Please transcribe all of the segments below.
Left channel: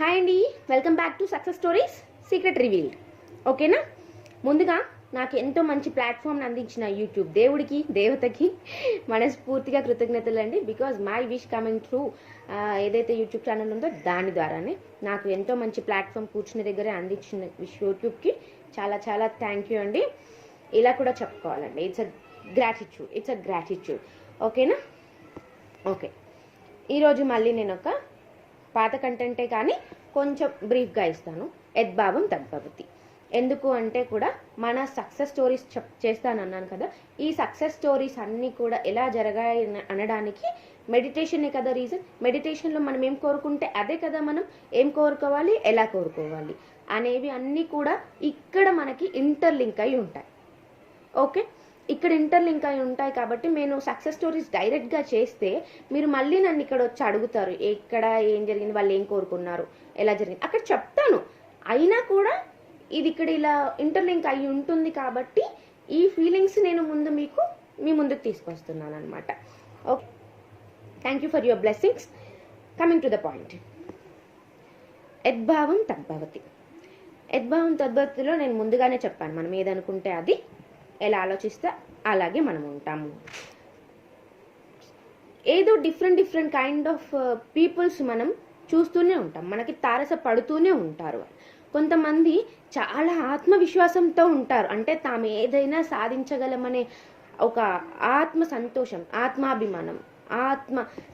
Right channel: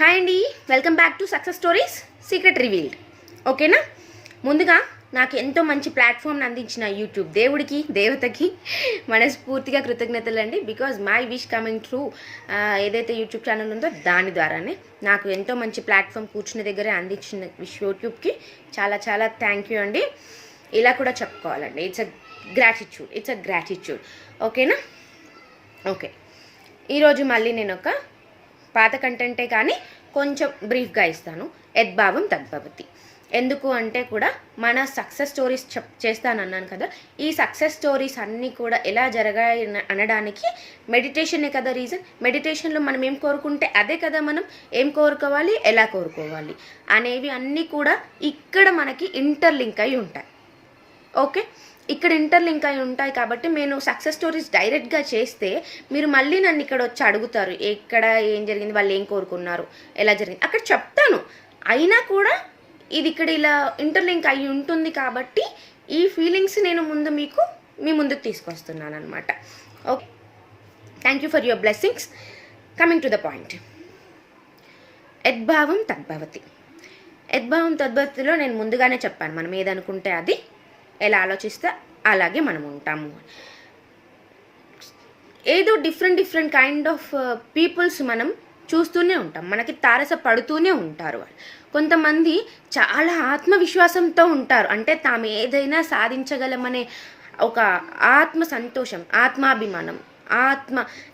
Hi అండి, welcome back to success stories secret revealed. ఓకేనా? ముందుగా నాకు ఎంతో మంచి ప్లాట్ఫామ్ని అందించిన యూట్యూబ్ దేవుడికి దేవతకి మనస్ఫూర్తిగా కృతజ్ఞతలు అండి. Because my wish coming through ఏదైతే యూట్యూబ్ ఛానల్ ఉందో దాని ద్వారానే నాకు ఎంతో మంచి ప్లాట్ఫామ్ కూర్చున్న దగ్గరే అందించిన యూట్యూబ్కి చాలా చాలా థ్యాంక్ యూ అండి. ఇలా కూడా చెప్పుకోవాలండి. It's a gratitude. ఓకేనా? ఓకే, ఈరోజు మళ్ళీ నేను ఒక పాత కంటెంటే కానీ కొంచెం బ్రీఫ్గా ఇస్తాను. యద్భావం తద్భవతి. ఎందుకు అంటే కూడా మన సక్సెస్ స్టోరీస్ చేస్తానన్నాను కదా, ఈ సక్సెస్ స్టోరీస్ అన్నీ కూడా ఎలా జరగాయి అనడానికి మెడిటేషనే కదా రీజన్. మెడిటేషన్లో మనం ఏం కోరుకుంటే అదే కదా మనం ఏం కోరుకోవాలి, ఎలా కోరుకోవాలి అనేవి అన్నీ కూడా ఇక్కడ మనకి ఇంటర్లింక్ అయి ఉంటాయి. ఓకే, ఇక్కడ ఇంటర్లింక్ అయి ఉంటాయి కాబట్టి నేను సక్సెస్ స్టోరీస్ డైరెక్ట్గా చేస్తే మీరు మళ్ళీ నన్ను ఇక్కడ వచ్చి అడుగుతారు, ఎక్కడ ఏం జరిగింది, వాళ్ళు ఏం కోరుకున్నారు, ఎలా జరిగింది, అక్కడ చెప్తాను. అయినా కూడా ఇది ఇక్కడ ఇలా ఇంటర్లింక్ అయి ఉంటుంది కాబట్టి ఈ ఫీలింగ్స్ నేను మీ ముందుకు తీసుకొస్తున్నాను అనమాట. Okay, thank you for your blessings. Coming to the point, యద్భావం తద్భవతి. యద్భావం తద్భవతిలో నేను ముందుగానే చెప్పాను, మనం ఏదనుకుంటే అది, ఎలా ఆలోచిస్తే అలాగే మనం ఉంటాము. ఏదో డిఫరెంట్ కైండ్ ఆఫ్ పీపుల్స్ మనం చూస్తూనే ఉంటాం, మనకి తారస పడుతూనే ఉంటారు. కొంతమంది చాలా ఆత్మవిశ్వాసంతో ఉంటారు, అంటే తాము ఏదైనా సాధించగలమనే ఒక ఆత్మ సంతోషం, ఆత్మాభిమానం,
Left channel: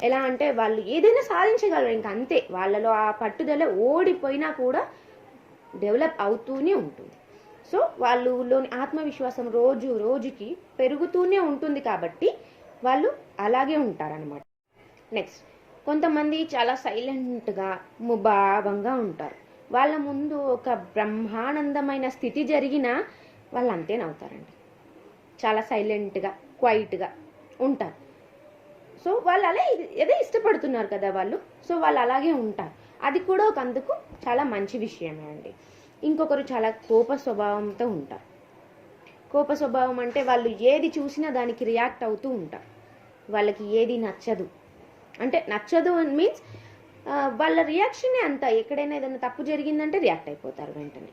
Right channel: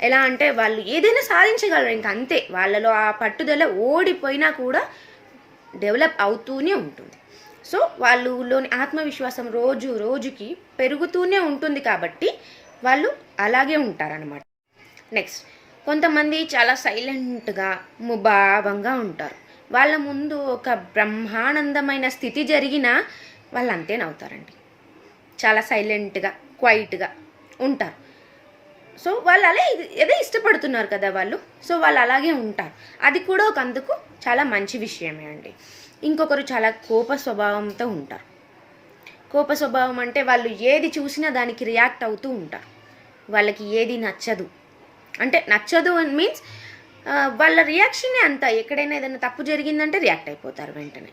ఎలా అంటే వాళ్ళు ఏదైనా సాధించగలరు, ఇంక అంతే. వాళ్ళలో ఆ పట్టుదల ఓడిపోయినా కూడా డెవలప్ అవుతూనే ఉంటుంది. సో వాళ్ళలోని ఆత్మవిశ్వాసం రోజుకి పెరుగుతూనే ఉంటుంది కాబట్టి వాళ్ళు అలాగే ఉంటారనమాట. నెక్స్ట్, కొంతమంది చాలా సైలెంట్గా ముభావంగా ఉంటారు. వాళ్ళ ముందు ఒక బ్రహ్మానందమైన స్థితి జరిగినా వాళ్ళు అంతే నవ్వుతారండి. చాలా సైలెంట్గా క్వైట్గా ఉంటారు. సో వాళ్ళు ఏదో ఇష్టపడుతున్నారు కదా వాళ్ళు, సో వాళ్ళు అలాగే ఉంటారు. అది కూడా ఒక అందుకు చాలా మంచి విషయమే అండి. ఇంకొకరు చాలా కోప స్వభావంతో ఉంటారు. కోప స్వభావం అంటే వాళ్ళు ఏది చూసినా దానికి రియాక్ట్ అవుతూ ఉంటారు. వాళ్ళకి ఏది నచ్చదు అంటే నచ్చదు మీన్స్ వాళ్ళ రియాక్షనే అంత. ఎక్కడైనా ఏదైనా తప్పు జరిగిందంటే రియాక్ట్ అయిపోతారు వెంటనే.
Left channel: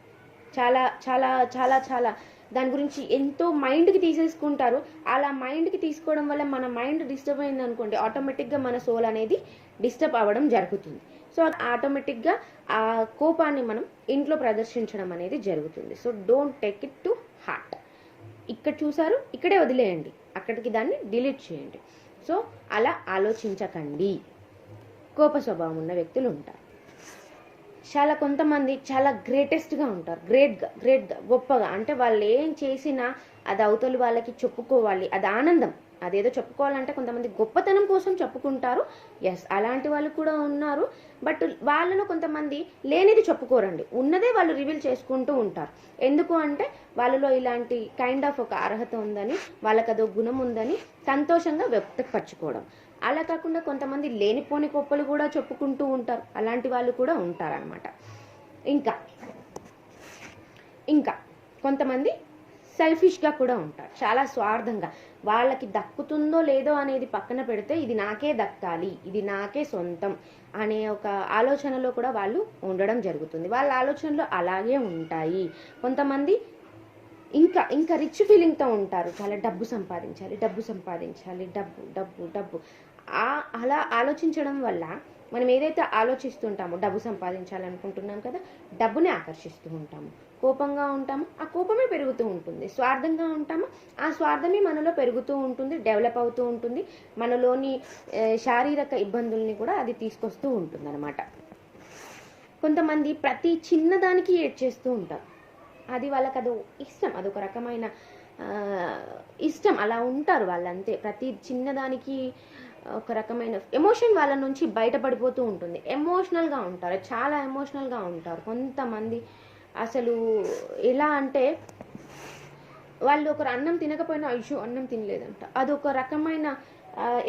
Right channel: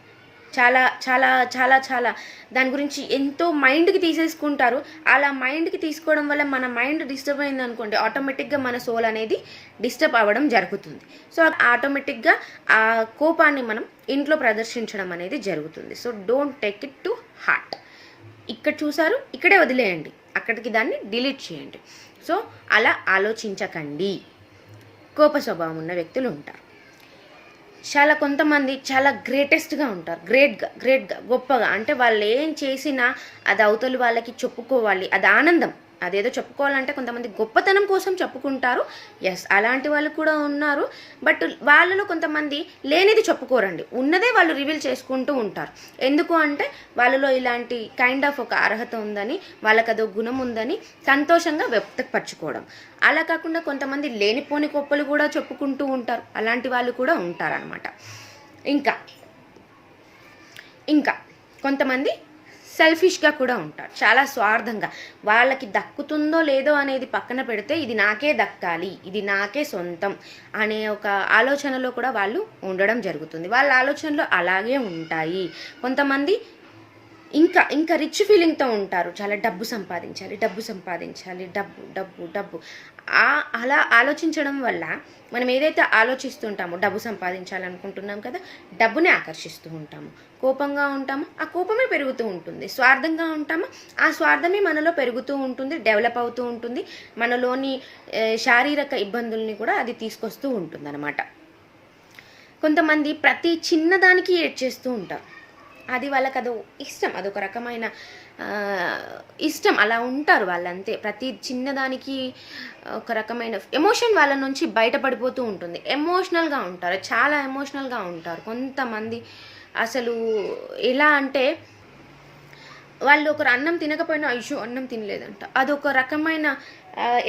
చాలా చాలా చాలా చాలా దాని గురించి ఎంతో మైండ్కి తీసేసుకుంటారు. అలా మైండ్కి తీసుకోవడం వల్ల మన మైండ్ డిస్టర్బ్ అయింది అనుకోండి, ఆటోమేటిక్గా మన సోల్ అనేది డిస్టర్బ్ అవ్వడం జరుగుతుంది. సో ఆటోమేటిక్గా ఆ కోపాన్ని మనం ఇంట్లో ప్రదర్శించడం అనేది జరుగుతుంది. So don't take it to heart. ఇక్కడ చూసారు, ఇక్కడే వదిలేయండి, అక్కడికి దాన్ని డిలీట్ చేయండి. సో అలా ఆలోచించకండి. కోప స్వభావం ఉన్న వ్యక్తులు ఉంటారు. కొంతమంది చాలా గ్రేటెస్ట్గా ఉంటారు, గ్రేట్గా గొప్పగా. అంటే వాళ్ళు ఏం చేసినా అది అవతలి వాళ్ళకి చెప్పుకోవాలి, అది ఆనందం. అదేదో చెప్పుకోవాలంటే కొంతమంది గొప్పతనం కోసం చెప్పుకుంటారు. ఎస్, అలాంటి వాళ్ళు కూడా ఉన్నారు. బట్ వాళ్ళలో కొంతమంది లేనిది చెప్పుకోరండి, ఉన్నదే వాళ్ళు రివీల్ చేసుకుంటూ ఉంటారు. ఎందుకు అంటే వాళ్ళలో ఇలాంటి కైండ్ ఆఫ్ ఒక అర్హత ఉందని, వాళ్ళకి అదో గుణం ఉందని సంతోషంగా వ్యక్తపరచుకోవడం. అలా కాకుండా కొంతమంది లేనిపోని గొప్పలు కూడా చెప్పుకుంటూ ఉంటారు. అలాంటి వాళ్ళు కూడా ఉంటారనమాట. ఇంకా కొంతమంది సెల్ఫిష్గా కూడా ఉంటారు, చాలా స్వార్థంగా. వాళ్ళకి దక్కుతుందో లేదో అనేది పక్కన పెడితే ఇది నాకే దక్కాలి, ఇది నాకే సొంతం అనే ఒక ఆలోచనలో కూడా వాళ్ళు ఉండడం జరుగుతుంది. వాళ్ళ ఆలోచనలు అలాగే ఉంటాయి. కొంతమంది ఇంకా రిచ్ ఫీలింగ్తో ఉంటారు. చాలా డబ్బు సంపాదించాలి, డబ్బు. అలా ఆలోచించడం వల్ల మనం ఏదైతే ఆలోచిస్తుంటామో, డబ్బు సంపాదించాలనుకుంటున్నాం కదా, డబ్బునే ఆకర్షిస్తూ ఉంటాము. కోపంగా ఉంటాము, ఆ కోపమే పెరుగుతూ ఉంటుంది. స్వార్థంగా ఉంటాము, ఆ స్వార్థమే మనలో పెరుగుతూ ఉంటుంది, డెవలప్ అవుతూ ఉంటుంది. మనలోని శారీరక ఇబ్బందుల్ని కూడా అది తీసుకొస్తూ ఉంటుంది అన్నమాట. కొంతమంది ప్రతి చిన్నదానికి ఏడ్చేస్తూ ఉంటారు. అది వాళ్ళకి ఇష్టం, అదొక రకమైన ఇష్టం. అలా ఉంటారు వాళ్ళంతే. ప్రతి చిన్నదానికి ఒక రకమైన ఎమోషన్ వాళ్ళ నుంచి బయటపడిపోతూ ఉంటుంది. ఎమోషనల్గా ఉంటారు, చాలా ఎమోషనల్గా ఉంటారు. కొంతమంది అసలు ఎలా అంటే వాళ్ళు ఒకరు అన్నం తినకపోయినా అయ్యో అన్నం తినలేదంట, అదొక రకమైన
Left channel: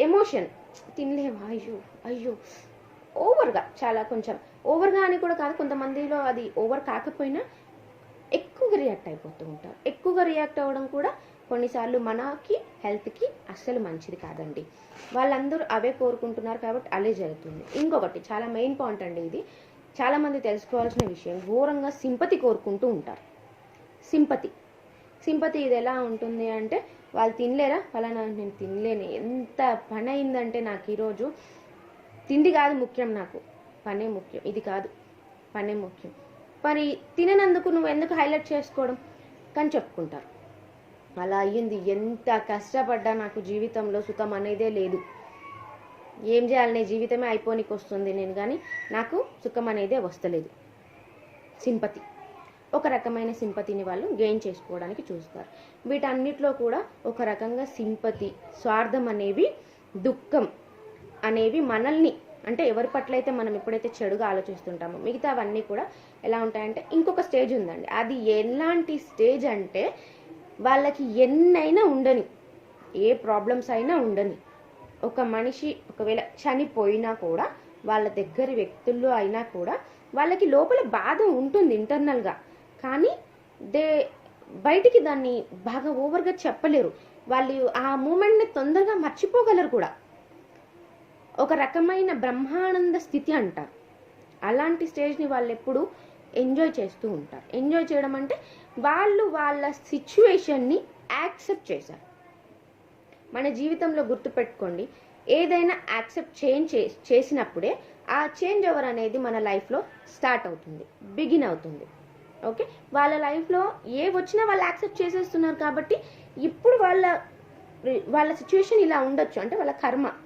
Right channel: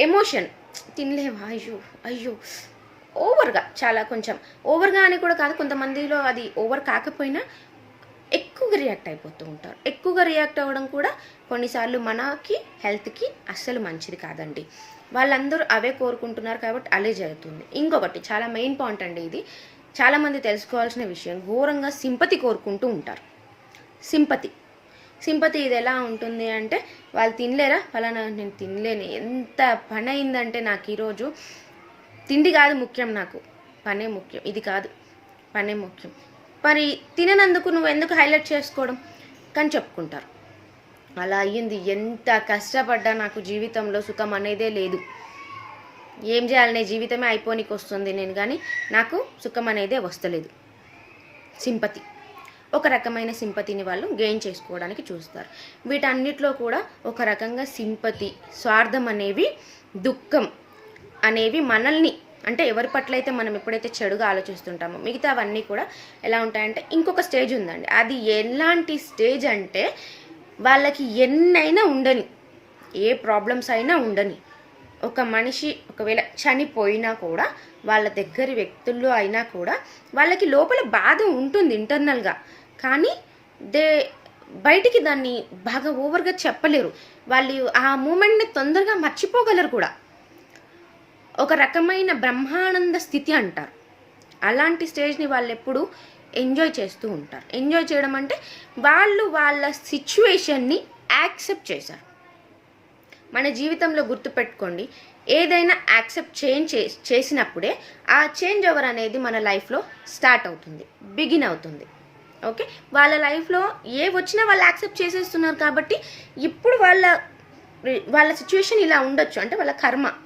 ఎమోషన్. తినలేవా, అయ్యో ఓవర్గా, చాలా కొంచెం ఓవర్గా అని కూడా కాదు, కొంతమందిలో అది ఓవర్ కాకపోయినా ఎక్కువగా రియాక్ట్ అయిపోతూ ఉంటారు. ఎక్కువగా రియాక్ట్ అవ్వడం కూడా కొన్నిసార్లు మనకి హెల్త్కి అస్సలు మంచిది కాదండి. వాళ్ళందరూ అవే కోరుకుంటున్నారు కాబట్టి అలే జరుగుతుంది. ఇంకొకటి చాలా మెయిన్ పాయింట్ అండి ఇది, చాలామంది తెలుసుకోవాల్సిన విషయం, ఘోరంగా సింపతి కోరుకుంటూ ఉంటారు. సింపతి ఇది ఎలా ఉంటుంది అంటే, వాళ్ళు తినలేరా, ఫలానా నేను తినలేను, ఎంత పని అయిందంటే నాకు ఈరోజు, తిండి కాదు ముఖ్యం, నాకు పనే ముఖ్యం, ఇది కాదు పనే ముఖ్యం, మరి తిననందుకు నువ్వు ఎందుకు హైలైట్ చేసుకోవడం కానీ చెప్పుకుంటారు. అలా అయ్యింది, ఎంత కష్టపడ్డా నాకు జీవితంలో సుఖం అనేదే లేదు, ఏం చేయాలనే జీవితమే అయిపోనికి వస్తుంది నేను, కానీ నాకు సుఖం అనేదే వస్తలేదు. సింపతి, ఒక రకమైన సింపతిని వాళ్ళు గెయిన్ చేసుకోవడానికి చూస్తారు. వీటన్నిటిలో కూడా ఒక రకంగా సింపతి, స్వార్థం అనేవి, దుఃఖం అనేవి మనల్ని, అంటే ఎవరి పట్ల అయితే మనం ఎప్పుడైతే చెడుగా ఆలోచిస్తుంటామో మిగతా అవన్నీ కూడా ఎలా ఉంటాయంటే, ఇంకొక స్టేజ్ ఉందండి. అది ఎలాంటి స్టేజ్ అంటే, వాళ్ళకి ఎన్నైనా ఉండని, ఏ ప్రాబ్లమ్స్ అయినా ఉండని, ఒక మనిషి ఒకవేళ చనిపోయినా కూడా, వాళ్ళ దగ్గరి వ్యక్తుల్లో అయినా కూడా వాళ్ళకి లోపల బాధ ఉంటుంది ఇంటర్నల్గా, కానీ బయటికి దాన్ని బాగా ఓవర్గా చెప్పలేరు. వాళ్ళు ఆ మూమెంట్ని తొందరగా మర్చిపోగలరు కూడా. ఒక రకమైన బ్రహ్మానంద స్థితి అంటారు. అలాంటి స్టేజ్ని వాళ్ళు ఎప్పుడు ఎంజాయ్ చేస్తూ ఉంటారు. ఎంజాయ్ చేయడం అంటే వాళ్ళు వాళ్ళ సిచ్యువేషన్ని యాక్సెప్ట్ చేశారు. మన జీవితంలో గుర్తుపెట్టుకోండి, ఏదైనా యాక్సెప్ట్ చేసినప్పుడే ఆ చేంజ్ ఓవర్ అనేది మన లైఫ్లో స్టార్ట్ అవుతుంది, బిగిన్ అవుతుంది. ఓకే, వాళ్ళ లైఫ్లో ఏ వచ్చినా వాళ్ళు యాక్సెప్ట్ చేసేస్తున్నారు కాబట్టి ఇప్పుడు వాళ్ళ సిచ్యువేషన్ ఇలా ఉండొచ్చు, అంటే వాళ్ళ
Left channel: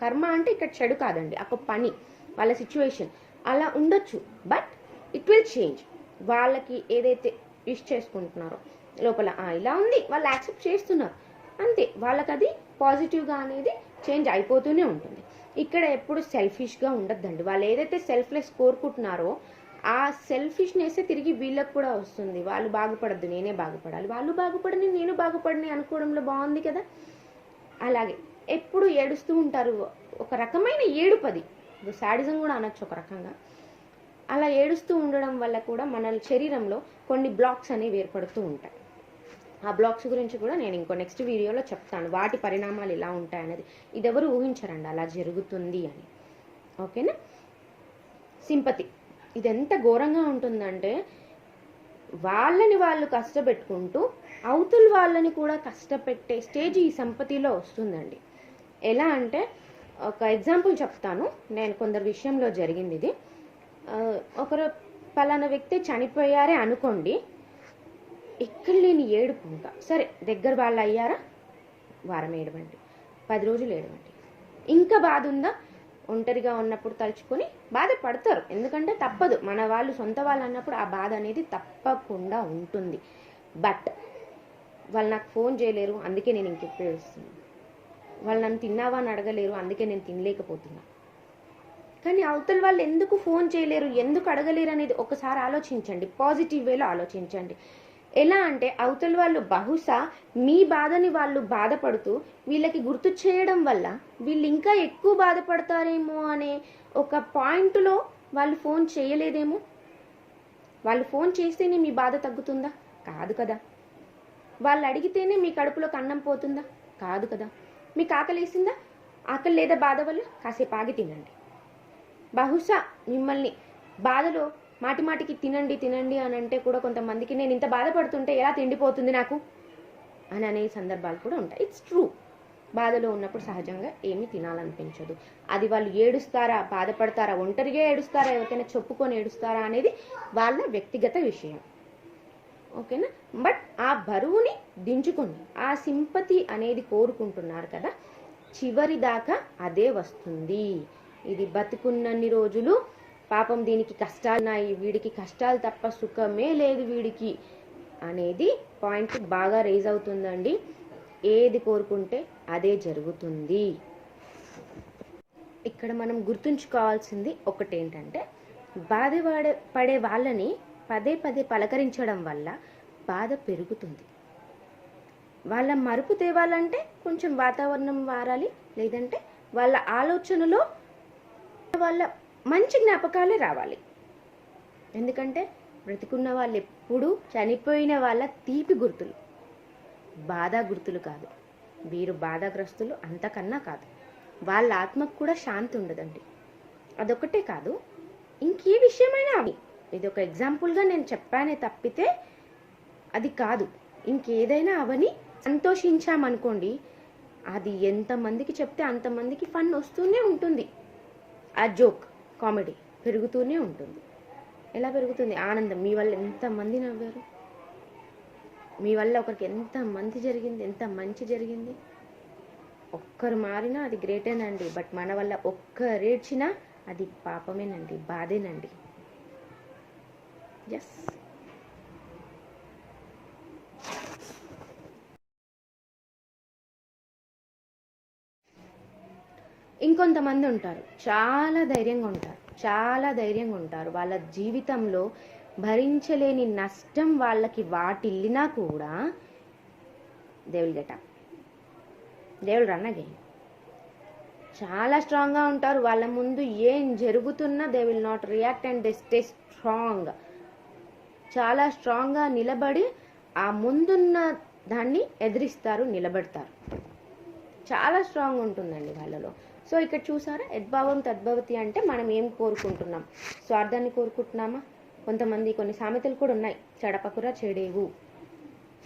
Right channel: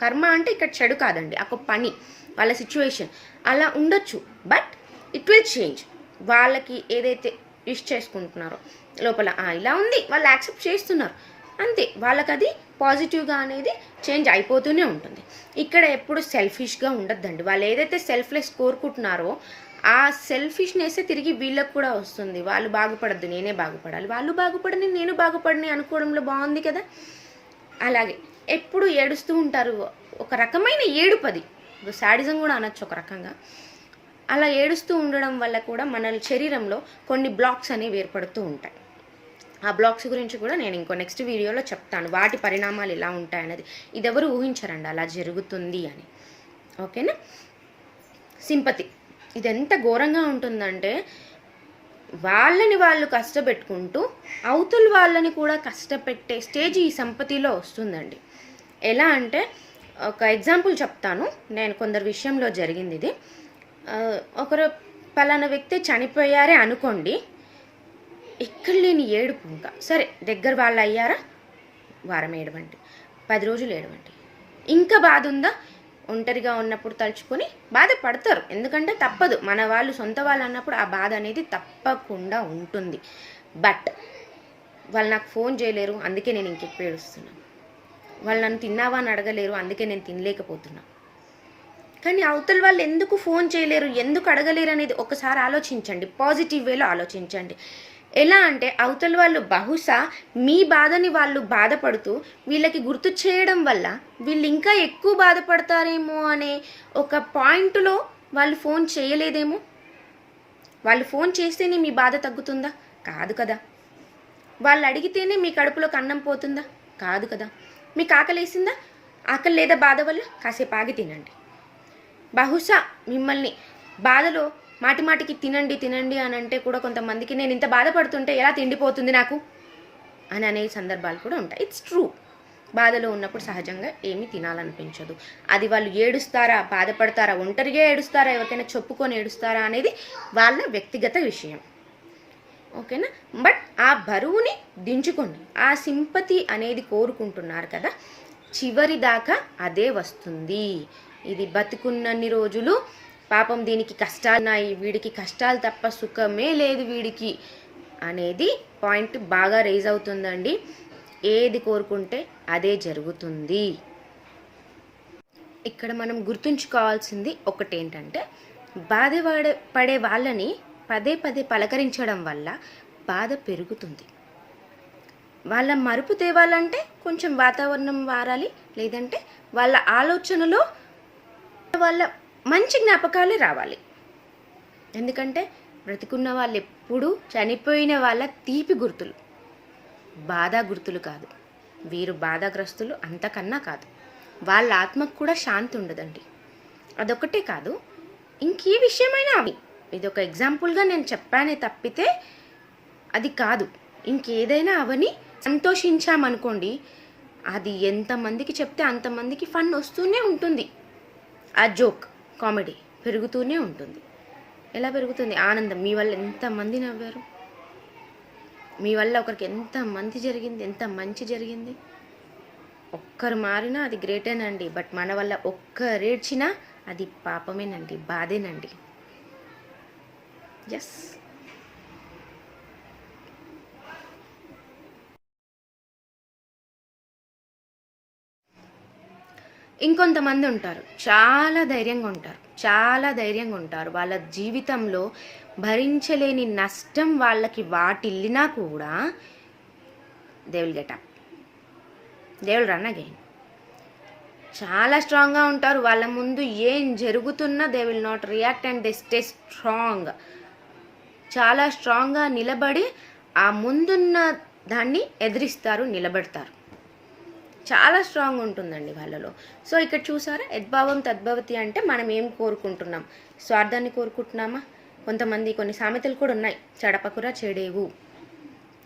కర్మ అంటే ఇక్కడ చెడు కాదండి, ఒక పని, వాళ్ళ సిచ్యువేషన్ అలా ఉండొచ్చు, బట్ ఇట్ విల్ చేంజ్. వాళ్ళకి ఏదైతే విష్ చేసుకుంటున్నారో లోపల ఇలా ఉంది, వాళ్ళు యాక్సెప్ట్ చేస్తున్నారు, అంతే, వాళ్ళకి అది పాజిటివ్గా అనేది చేంజ్ అయిపోతూనే ఉంటుంది. ఇక్కడ ఎప్పుడు సెల్ఫిష్గా ఉండద్దండి. వాళ్ళు ఏదైతే సెల్ఫ్లెస్ కోరుకుంటున్నారో ఆ సెల్ఫిష్నెస్ తిరిగి వీళ్ళకి కూడా వస్తుంది. వాళ్ళు బాగుపడద్దు, నేనే బాగుపడాలి, వాళ్ళు బాగుపడని నేను బాగుపడని అనుకోవడంలో బాగుంది కదా. అలాగే ఎప్పుడు ఏడుస్తూ ఉంటారు, ఒక రకమైన ఏడుపది, శాడిజం కూడా అనొచ్చు ఒక రకంగా. అలా ఏడుస్తూ ఉండడం వల్ల కూడా మన శరీరంలో కొన్ని బ్లాక్స్ అనేవి ఏర్పడుతూ ఉంటాయి. ఆ బ్లాక్స్ గురించి కూడా నేను ఇంకో నెక్స్ట్ వీడియోలో చెప్తాను, వాటి పరిణామాలు ఎలా ఉంటాయన్నది. ఇది ఎవరు ఊహించరండి అలా జరుగుతుంది అని. ఓకేనా. సింపతి, ఇది ఎంత ఘోరంగా ఉంటుందంటే, వాళ్ళని వాళ్ళు కష్టపెట్టుకుంటూ అవతల వాళ్ళని కూడా కష్టపెట్టే స్టేజ్ ఈ సంపతిలో వస్తుందండి. ఎలా అంటే, ఒక ఎగ్జాంపుల్ చెప్తాను, నేను కొందరి విషయంలో జరిగింది ఇది. ఒకరు పలానా వ్యక్తి చనిపోయారే అనుకోండి, ఎక్కడ లేని ఏడుపు. ఇంకా సరే దగ్గర వాళ్ళు అయ్యారా, వారం ఏడవండి, 10 రోజులు ఏడవండి. ఇంకా బాధ ఉందా, ఒంటరిగా ఉన్నప్పుడు తలుచుకొని బాధపడతారు, ఎందుకంటే తప్పదు, మన వాళ్ళు సొంత వాళ్ళు అన్నప్పుడు ఆ బాధ అనేది తప్పకుండా ఉంటుంది. బట్ వాళ్ళు నాకు ఫోన్ చేయలేరు, అందుకే నేను ఇంకెక్కువ ఏడుస్తున్నాను. వాళ్ళు నన్ను తిన్నావా అని అడగలేరు, అందుకే నేను తినలేకపోతున్నాను. కానీ అవతల వాళ్ళు ఎందుకు ఫోన్ చేయలేరు, ఎందుకు అడగలేరు అనేది ఒకసారి ఆలోచించండి, పాజిటివ్ వేలో ఆలోచించండి. ఎలా అంటే, అవతల వాళ్ళు బహుశా మీ బాధని వాళ్ళు బాధపడుతూ వీళ్ళకి గుర్తు చేయడం వల్ల వీళ్ళు ఇంకా ఎక్కువ బాధపడతారేమో అనే ఒక పాయింట్లో వాళ్ళు ఫోన్ చేయలేదేమో. వాళ్ళు ఫోన్ చేస్తేనే మీ బాధ తగ్గుతుందా? కాదు కదా. వాళ్ళు అడిగితేనే మీ కడుపులోకి అన్నం పోతుందా? కాదు కదా. మీకు ఆకలేసిందా? ఆకలి లేదా బాధ వల్ల? కాసేపు ఆగి తినండి. బహుశా మిమ్మల్ని బాధలో మాటిమాటికి తినండి అని అంటే కూడా కొంతమందికి, నేను ఇంత బాధపడుతుంటే ఎలా తిండిపోతుంది నాకు అని అనే సందర్భాలు కూడా ఉంటాయి. It's true. బాధలో ఉన్నప్పుడు సహజంగా ఏమీ తినాలనిపించదు. అది వాళ్ళు ఏడుస్తారా, బాధపడతారా, ఒంటరిగా ఏడుస్తారా, ఎవరికైనా చెప్పుకొని ఏడుస్తారా అనేది వాళ్ళ వ్యక్తిగత విషయం. ఓకేనా. బట్ ఆ బరువుని దించుకోండి. ఆ సింపతి అనేది కోరుకుంటున్నారు కదా, చివరి దాకా అదే వస్తుంది. ఇది బతుకున్నన్ని రోజులు పాపం దీనికి కష్టాలున్నాయి, వీడికి కష్టాలు తప్ప సుఖమే లేదు వీడికి అనేది పాయింట్ బాగా రైజ్ అవుతుందండి. ఏది కోరుకుంటే అదే జరుగుతుంది. ఇక్కడ మనం గుర్తుంచుకోవాల్సింది ఒకటేంటంటే, పడే వాళ్ళని పదే పలకరించడం వల్ల బాధ పెరుగుతుంది. వాళ్ళ మరుపు తేవాలంటే కొంచెం వాతావరణం మారాలి, లేదంటే వాళ్ళ ఆలోచనలో వాళ్ళ మంచి జ్ఞాపకాలే రావాలి. ఎందుకంటే బ్రతికున్న వాళ్ళు ఎప్పుడూ చనిపోయిన వాళ్ళ తీపి గుర్తులు, బాధ గుర్తులు కాదు. వీరు బాధాగ్రస్తులు అంతకన్నా కాదు. వాళ్ళ ఆత్మకు కూడా శాంతి ఉండదండి. అదొకటే కాదు, ఇంకే విషయమైనా అవి, ఇది ఒక ఎగ్జాంపుల్గా నేను చెప్పానే తప్పితే అది కాదు. ఇంకేదైనా అవని సంతోషించామనుకోండి, అది ఎంతమందికి చెప్తే అంతమందికి ఫన్ వస్తూనే ఉంటుంది. ఆ జోక్ కామెడీ పెరుగుతూనే ఉంటుంది. ఎలా పెరుగుతుంది? ఆనందం. మీ వల్ల ఎంతమంది నవ్వారు, మీ వల్ల ఒకరికి ఎంత మంచి జరిగింది, ఎంత మంచి జరిగింది. ఒక్కరు మారినా అది గ్రేటేనండి. బట్ మన వల్ల ఒక్కరేడ్చినా అది పాపమేనండి, బాధేనండి. ఎస్. ఇంకొంతమంది ఉంటారు, చాలా ధైర్యంగా ఉంటారు. వాళ్ళ జీవితంలో భరించలేని నష్టం వాళ్ళకి వాటిల్లినా కూడా they will get up, they will run again. చాలా స్ట్రాంగ్గా ఉంటారు. వాళ్ళ ముందు ఏం జరుగుతున్నా they will not react and they stay strong. చాలా స్ట్రాంగ్గా నిలబడి ఆ ముందున్న దాన్ని ఎదిరిస్తారు, నిలబడతారు. చాలా స్ట్రాంగ్ ఉంటుందండి వాళ్ళలో. సో ఇక్కడ చూసారా, యద్భావం తద్భవతి అంటే మనం ఏం కోరుకుంటున్నాం? స్వార్థాన్ని కోరుకుంటున్నామా? కొంతమంది కొన్ని సామెతలు కూడా ఉన్నాయి, చెడపకురా చెడేవు,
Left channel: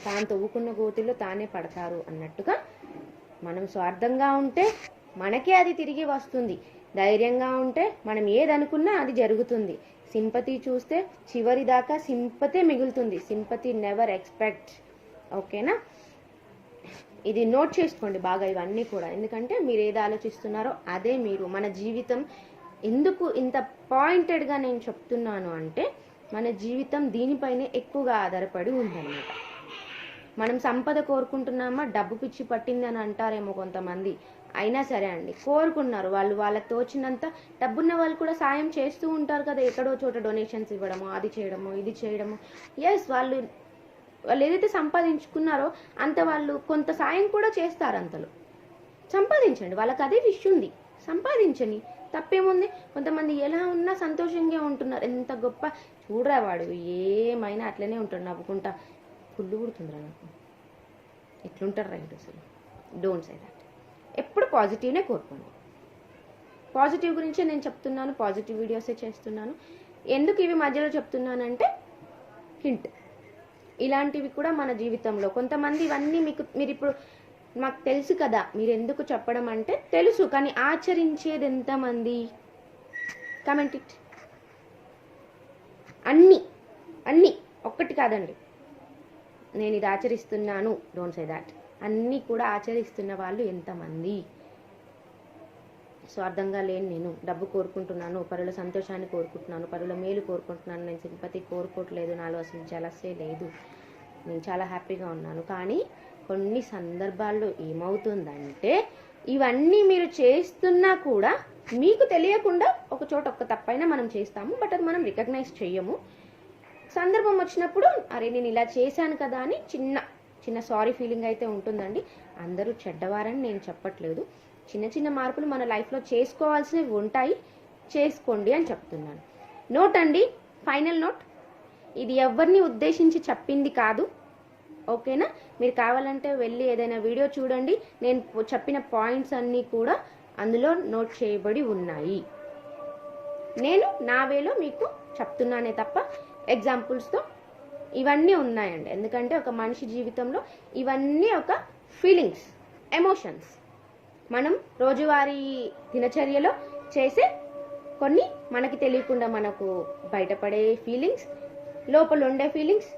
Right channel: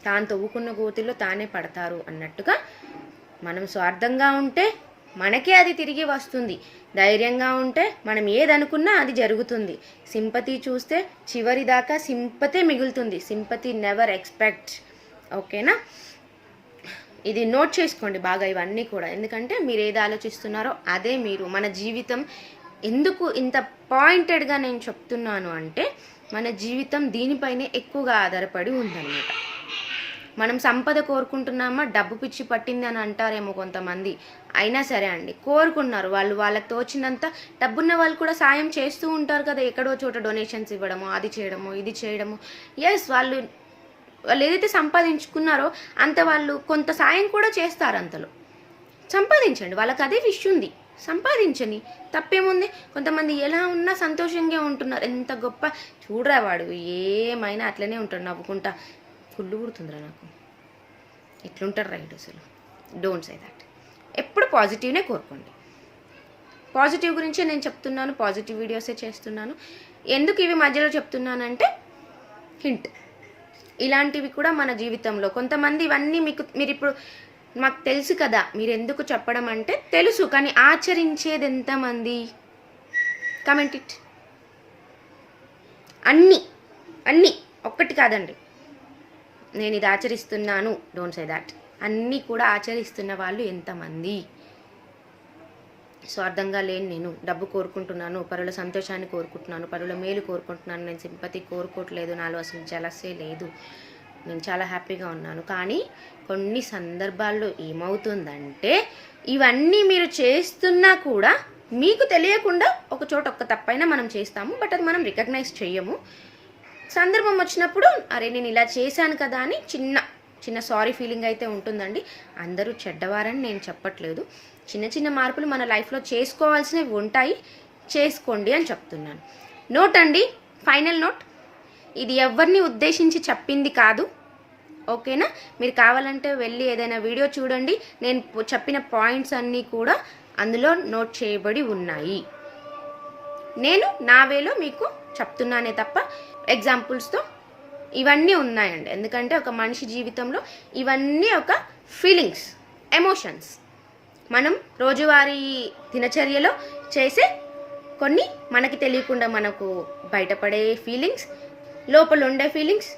తాను తవ్వుకున్న గోతిలో తానే పడతారు అన్నట్టుగా. మనం స్వార్థంగా ఉంటే మనకే అది తిరిగి వస్తుంది. ధైర్యంగా ఉంటే మనం ఏదనుకున్నా అది జరుగుతుంది. సింపతి చూస్తే చివరి దాకా సింపతే మిగులుతుంది. Sympathy never expect. ఓకేనా? ఇది నోట్ చేసుకోండి బాగా ఇవన్నీ కూడా, ఎందుకంటే మీరు ఏది ఆలోచిస్తున్నారో అదే మీరు. మన జీవితం ఎందుకు ఇంత పాయింటెడ్గా నేను చెప్తున్నాను అంటే, మన జీవితం దీనిపైనే ఎక్కువగా ఆధారపడి ఉందన్నమాట. మనం సంపద కోరుకుంటున్నామా, డబ్బు పిచ్చి పట్టింది అని అంటారేమో కొంతమంది. అయినా సరే అండి, కోరుకున్నారు వాళ్ళు, వాళ్ళకి తోచినంత. డబ్బున్న వాళ్ళు కూడా సాయం చేస్తూ ఉంటారు కదా, ఎక్కడో చోట డొనేషన్స్ ఇవ్వడము, అది చేయడము, ఇది చేయడము. ఎస్, వాళ్ళు ఏదైతే సంపాదించుకున్నారో అంత వాళ్ళు కొంత సాయం కూడా చేస్తారు. అంతలో సంపాదించండి, వాళ్ళకి అదే విష్ ఉంది, సంపాదించని తప్పేముంది. కొంతమంది ఎలా ఉన్నా సంతోషంగా ఉంటున్నారు, ఎంత గొప్ప చూడరా వాడు, ఏమైనా అట్లనే ఉంటాడు నవ్వుకుంటా. ఫుల్లు పుడుతుందిరా నాకు, ఇట్లుంటారు రైట్. అసలు డోంట్ సే దాట్. ఎప్పుడు పాజిటివ్నే కోరుకోండి. పాజిటివ్ గురించే నేను చెప్తున్నాను, పాజిటివ్ వీడియోసే చేస్తున్నాను. ఎందుకు ఇవి మధ్యలో చెప్తున్నానంటే హింట్. ఇలాంటివి కూడా మన జీవితంలో కొంతమంది ఇవన్నీ మీరు ఇప్పుడు మాకు తెలుసు కదా, మీరు ఎందుకు చెప్పడం అంటే తెలుసు, కానీ ఆచరించేది ఎంతమంది? Comment it. అన్నీ ఒక్కటి కాదండి, నేను ఇది ఆచరిస్తున్నాను, డోంట్ సే దాట్. అన్నీ కూడా ఆచరిస్తున్న వాళ్ళు ఎంతమంది? స్వార్థంగా లేని నేను డబ్బు కోరుకుంటున్నాను, పరుల సంతోషాన్ని కోరుకుంటున్నాను, పరుల మేలు కోరుకుంటున్నాను, నేను సింపతి కోరుకోవట్లేదు, నాలో అసలు జలసే లేదు, నేను చాలా హ్యాపీగా ఉన్నాను. కానీ కొన్ని సందర్భాల్లో ఏమవుతుందంటే, ఇవన్నీ మీరు చేస్తున్నా కూడా మీకు తెలియకుండా ఒక చోట ఒక్క తప్పైనా మనం చేస్తాము, బట్ అది మనం రికగ్నైజ్ చెయ్యము. సందర్భం వచ్చినప్పుడు అరే నేను ఇలా చేశాను కదా అని చిన్న సారీ ఫీలింగ్ అయితే ఉంటుందండి. అందరూ చెడ్డవారని నేను చెప్పట్లేదు. చిన్న మార్పులు మన లైఫ్లో చేసుకోవాల్సినవి ఉంటాయి, చేసుకోండి అని చెప్తున్నాను. నోట్ అండి, ఫైనల్ నోట్, ఇది ఎవరిని ఉద్దేశించి చెప్పింది కాదు. ఓకేనా? మీరు కావాలంటే వెళ్ళి ఏదైనా వీడియో చూడండి, నేను చెప్పిన పాయింట్స్ అన్నీ కూడా అందులో నోట్ చేయబడి ఉన్నాయి. నేను నా వేలో మీకు చెప్తున్నానే తప్ప ఎగ్జాంపుల్స్తో ఇవన్నీ ఉన్నాయండి. ఎందుకంటే ఒక మనిషి జీవితంలో ఇవన్నీ ఒక ఫీలింగ్స్, ఎమోషన్స్. మనం రోజువారీ దినచర్యలో చేసే కొన్ని మనకి తెలియకుండా మనకు బయటపడే ఫీలింగ్స్, లోపల ఉండే ఫీలింగ్స్,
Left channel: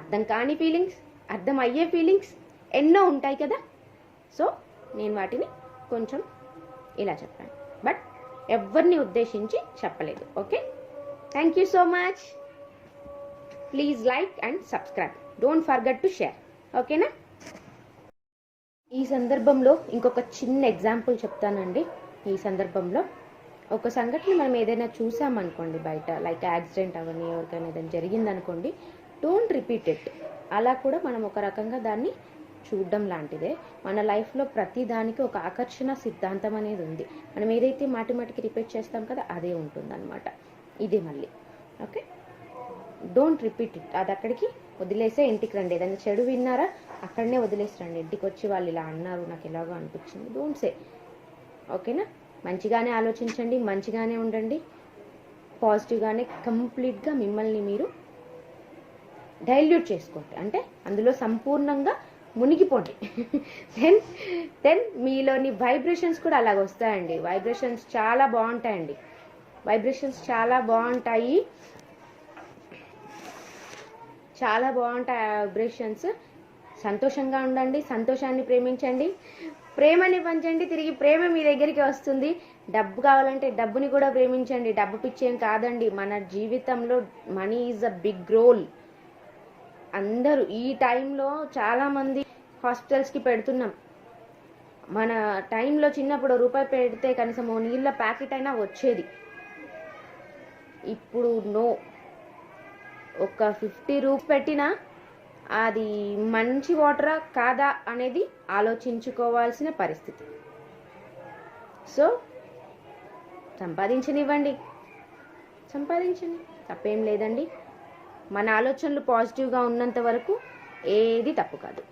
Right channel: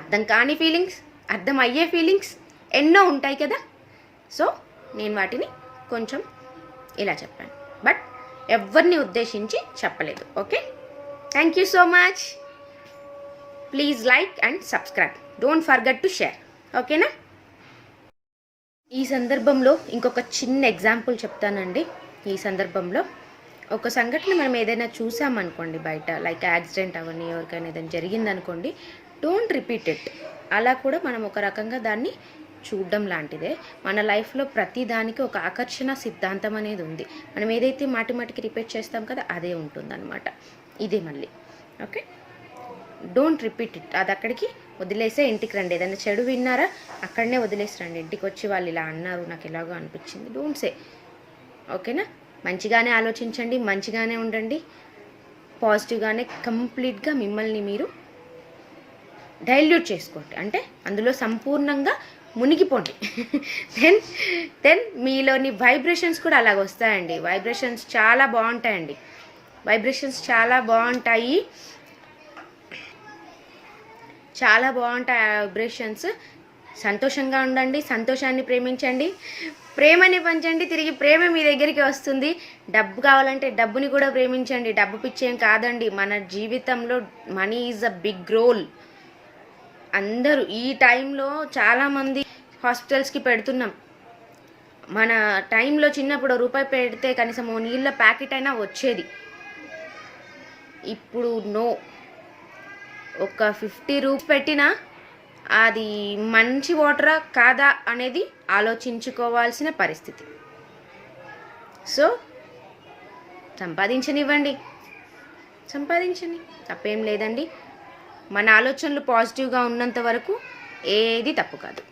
అర్థం కాని ఫీలింగ్స్, అర్థం అయ్యే ఫీలింగ్స్ ఎన్నో ఉంటాయి కదా. సో నేను వాటిని కొంచెం ఇలా చెప్పాను, బట్ ఎవరిని ఉద్దేశించి చెప్పలేదు. Okay, thank you so much. Please like and subscribe, don't forget to share. ఓకేనా? ఈ సందర్భంలో ఇంకొక చిన్న ఎగ్జాంపుల్ చెప్తానండి. ఈ సందర్భంలో ఒక సంఘటన మనం ఏదైనా చూసామనుకోండి బయట, లైక్ యాక్సిడెంట్ అవన్నీ, ఎవరికైనా ఏదైనా జరిగిందనుకోండి, డోంట్ రిపీట్ ఇట్. అలా కూడా మనం ఒక రకంగా దాన్ని చూడడం లాంటిదే. మన లైఫ్లో ప్రతి దానికి ఒక ఆకర్షణ సిద్ధాంతం అనేది ఉంది. మనం ఏదైతే మాటికి రిపీట్ చేస్తాం కదా, అదే ఉంటుందన్నమాట. ఇదే మళ్ళీ. Okay, don't repeat it. అది అక్కడికి వదిలేసే ఇంటికి రండి. ఏదైనా చెడు విన్నారా, అక్కడనే వదిలేసి రండి. ఇంటికి వచ్చి వాళ్ళు ఇలా అన్నారు, నాకు ఎలాగో అనిపించింది, డోంట్ సే. ఓకేనా? మంచిగానే ఆలోచించండి, మంచిగానే ఉండండి. పాజిటివ్గానే కంప్లీట్గా మిమ్మల్ని మీరు డైల్యూట్ చేసుకోండి, అంటే అందులో సంపూర్ణంగా మునిగిపోండి. దెన్ మీలోని వైబ్రేషన్స్ కూడా అలాగ వస్తాయండి. వైబ్రేషన్స్ చాలా బాగుంటాయండి. చాలా బాగుంటాయి వైబ్రేషన్స్. సంతోషంగా ఉండండి, సంతోషాన్ని ప్రేమించండి, ప్రేమని పంచండి, తిరిగి ప్రేమ మీ దగ్గరికి వస్తుంది. డబ్బు కావాలంటే డబ్బుని కూడా ప్రేమించండి. డబ్బు పిచ్చేం కాదండి. మన జీవితంలో money is a big role. అందరూ ఈ టైంలో చాలామంది హాస్పిటల్స్కి పెడుతున్నాం. మన టైంలో చిన్నప్పుడు రూపాయి పెడితే కనీసం ఓ నీళ్ళ ప్యాకెట్ అయినా వచ్చేది. ఇప్పుడు నో. ఒక 50 రూపీస్ పెట్టినా అది మంచి వాటరా కాదా అనేది ఆలోచించుకోవాల్సిన పరిస్థితి. సో సంపాదించనివ్వండి, తప్పేం లేదండి. మన ఆలోచనలు పాజిటివ్గా ఉన్నంత వరకు ఏది తప్పు కాదు.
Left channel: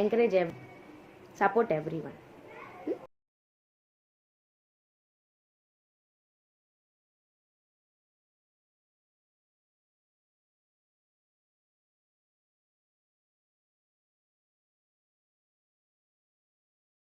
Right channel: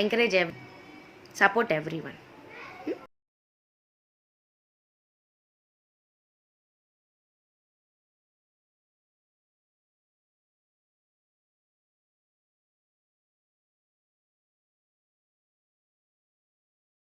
Encourage support everyone.